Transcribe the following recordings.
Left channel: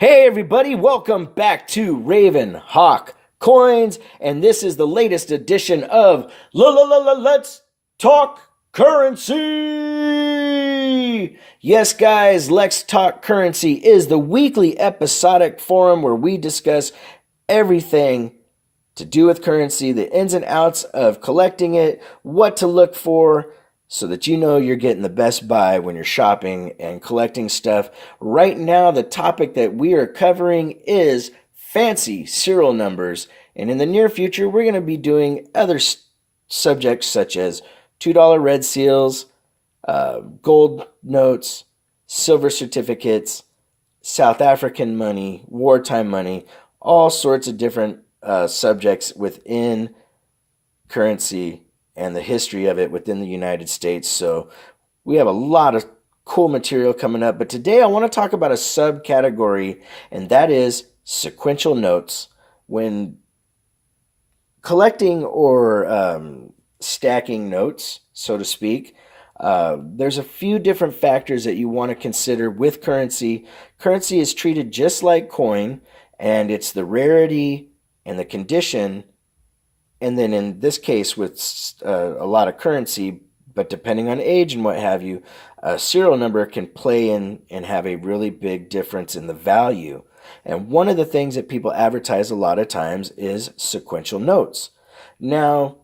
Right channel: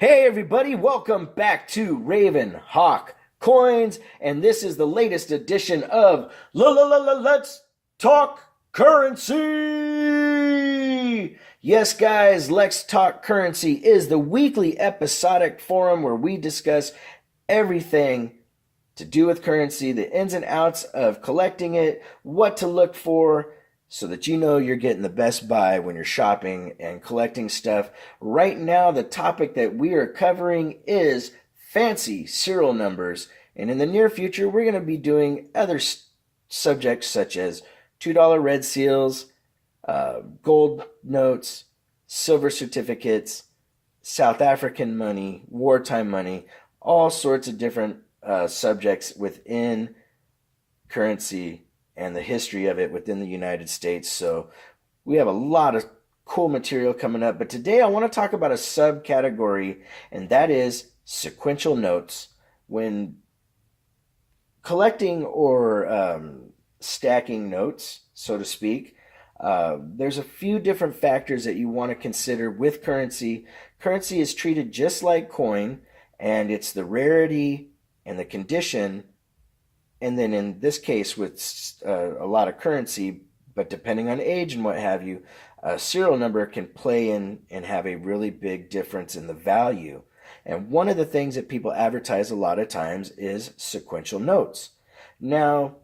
Hey everybody, welcome back to Raven Hawk Coins, and this is the latest edition of Let's Talk Currency. Yes, guys, Let's Talk Currency is the weekly episodic forum where we discuss everything to do with currency, the ins and outs of collecting it, what to look for, so that you know you're getting the best buy when you're shopping and collecting stuff. Right now, the topic that we are covering is fancy serial numbers. And in the near future, we're going to be doing other subjects such as $2 red seals, gold notes, silver certificates, South African money, wartime money, all sorts of different subjects within currency and the history of it within the United States. So we have a lot of cool material coming up. But today I want to talk about a subcategory, and that is sequential notes. When collecting or stacking notes, so to speak, there's a few different factors that you want to consider with currency. Currency is treated just like coin, and it's the rarity and the condition. And then in this case, with a lot of currency, but depending on age and what have you, a serial number can play in and have a really big difference in the value. And one of the things that people advertise a lot of times is sequential notes. Now,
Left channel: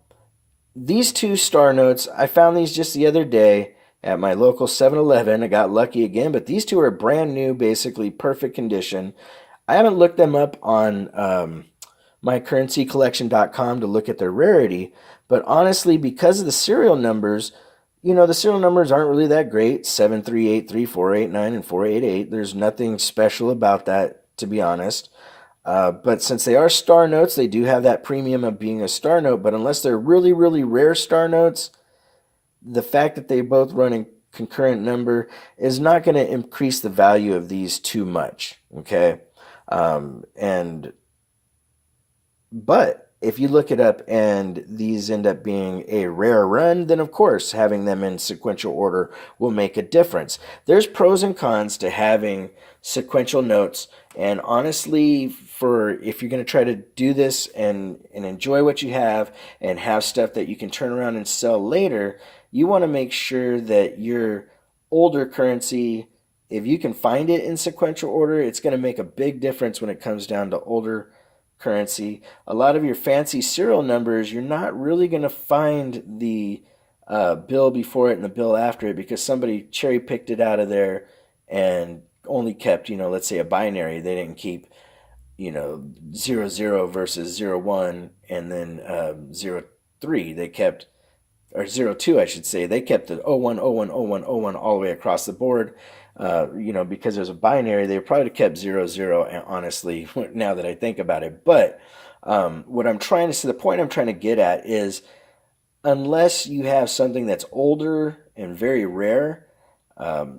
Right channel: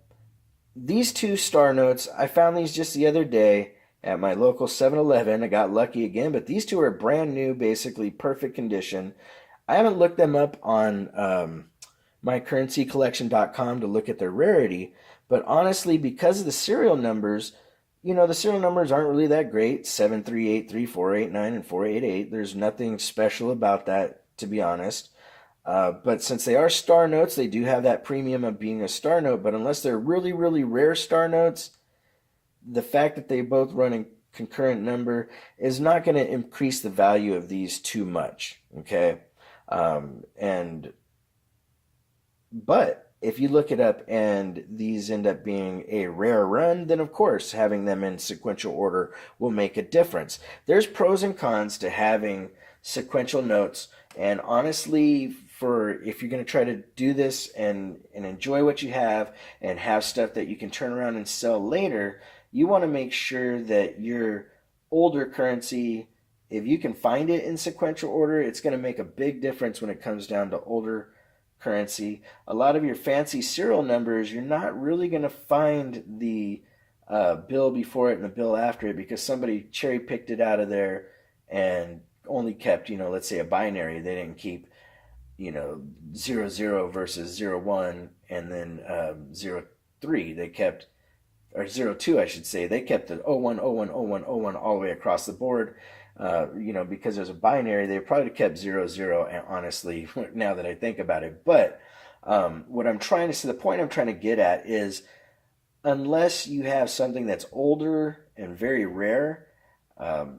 these two star notes, I found these just the other day at my local 7-Eleven. I got lucky again, but these two are brand new, basically perfect condition. I haven't looked them up on mycurrencycollection.com to look at their rarity, but honestly, because of the serial numbers, the serial numbers aren't really that great. 7383, 489, and 488. There's nothing special about that, to be honest. But since they are star notes, they do have that premium of being a star note. But unless they're really, really rare star notes, the fact that they both run in concurrent number is not going to increase the value of these too much. Okay. But if you look it up and these end up being a rare run, then of course having them in sequential order will make a difference. There's pros and cons to having sequential notes, and honestly, for if you're going to try to do this and enjoy what you have and have stuff that you can turn around and sell later, you want to make sure that your older currency, if you can find it in sequential order, it's going to make a big difference when it comes down to older currency. A lot of your fancy serial numbers, you're not really going to find the bill before it and the bill after it, because somebody cherry picked it out of there and only kept, let's say a binary. They didn't keep, 00 versus 01 and then 03. They kept, or 02, I should say. They kept the 01, 01, 01, 01 all the way across the board. Because there's a binary, they probably kept 00, honestly, now that I think about it. But what I'm trying to say, the point I'm trying to get at is, unless you have something that's older and very rare,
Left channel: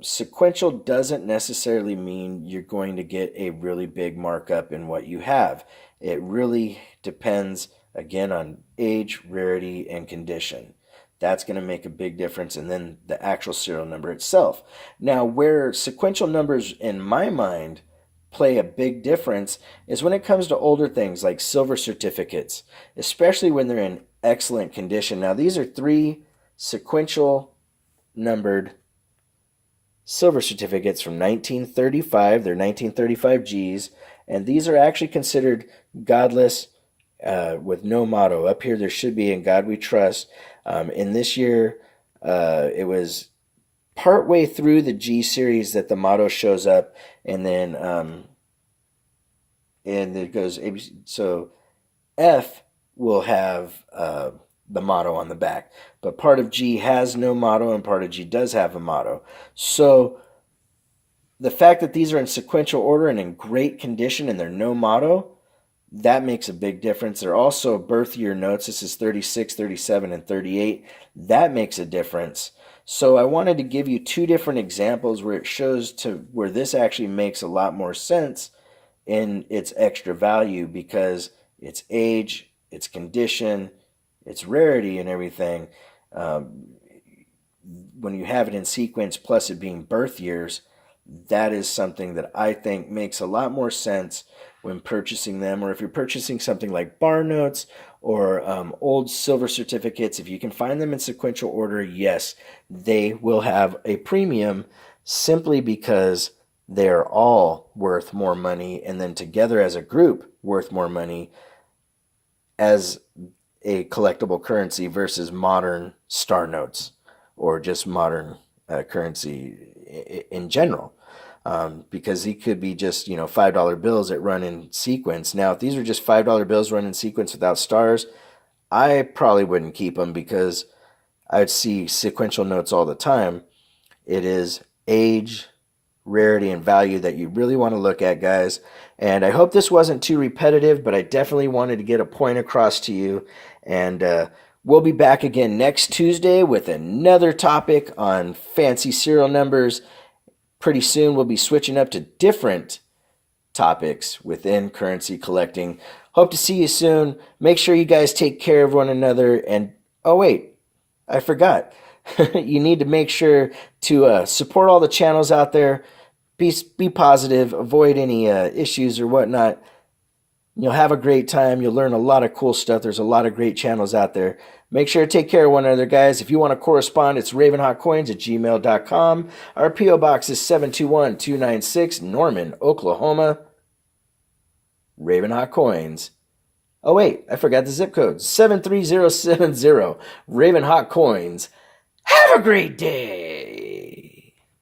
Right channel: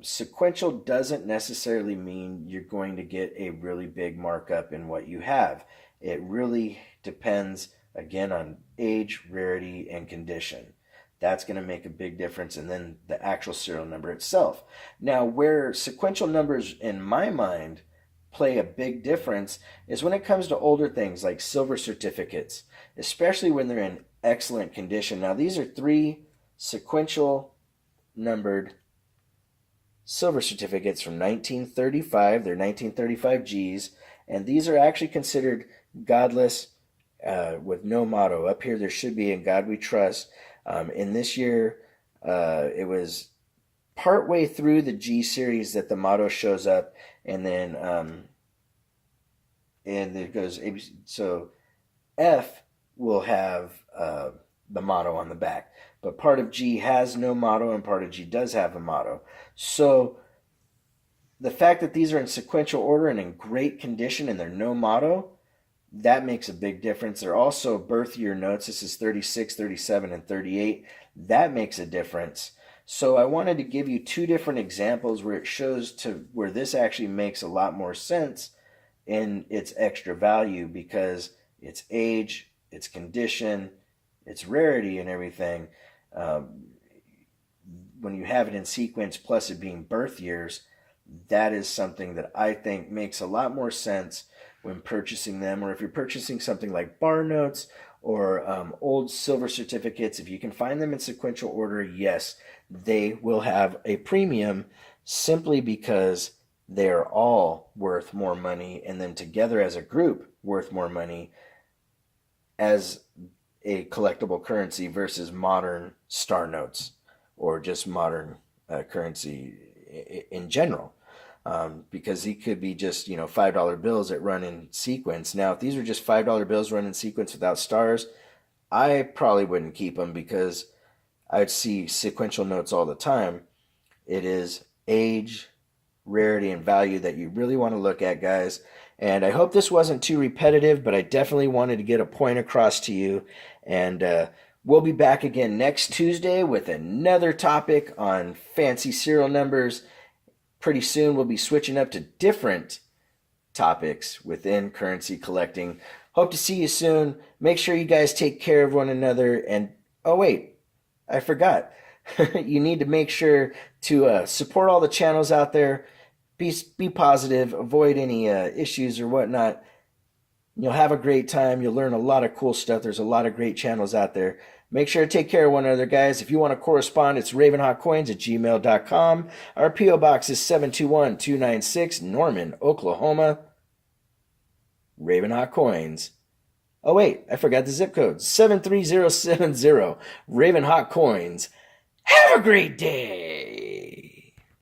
sequential doesn't necessarily mean you're going to get a really big markup in what you have. It really depends, again, on age, rarity, and condition. That's going to make a big difference, and then the actual serial number itself. Now, where sequential numbers, in my mind, play a big difference is when it comes to older things like silver certificates, especially when they're in excellent condition. Now, these are 3 sequential numbered silver certificates from 1935. They're 1935 Gs, and these are actually considered godless with no motto. Up here, there should be "In God We Trust." In this year, it was partway through the G series that the motto shows up, and then and it goes ABC. So F will have the motto on the back, but part of G has no motto, and part of G does have a motto. So the fact that these are in sequential order and in great condition, and they're no motto, that makes a big difference. They're also birth year notes. This is 36, 37, and 38. That makes a difference. So I wanted to give you 2 different examples where it shows to where this actually makes a lot more sense in its extra value, because its age, its condition, its rarity, and everything. When you have it in sequence, plus it being birth years, that is something that I think makes a lot more sense when purchasing them. Or if you're purchasing something like bar notes or old silver certificates, if you can find them in sequential order, yes, they will have a premium simply because they are all worth more money, and then together as a group worth more money as a collectible currency versus modern star notes or just modern currency in general. Because he could be just, $5 bills that run in sequence. Now, if these are just $5 bills run in sequence without stars, I probably wouldn't keep them because I would see sequential notes all the time. It is age, rarity, and value that you really want to look at, guys. And I hope this wasn't too repetitive, but I definitely wanted to get a point across to you. And we'll be back again next Tuesday with another topic on fancy serial numbers. Pretty soon we'll be switching up to different topics within currency collecting. Hope to see you soon. Make sure you guys take care of one another. And oh, wait, I forgot. You need to make sure to support all the channels out there. Be positive, avoid any issues or whatnot. You'll have a great time. You'll learn a lot of cool stuff. There's a lot of great channels out there. Make sure to take care of one another, guys. If you want to correspond, it's ravenhawkcoins@gmail.com. Our P.O. Box is 721-296, Norman, Oklahoma. Ravenhawk Coins. Oh, wait, I forgot the zip code. 73070. Ravenhawk Coins. Have a great day.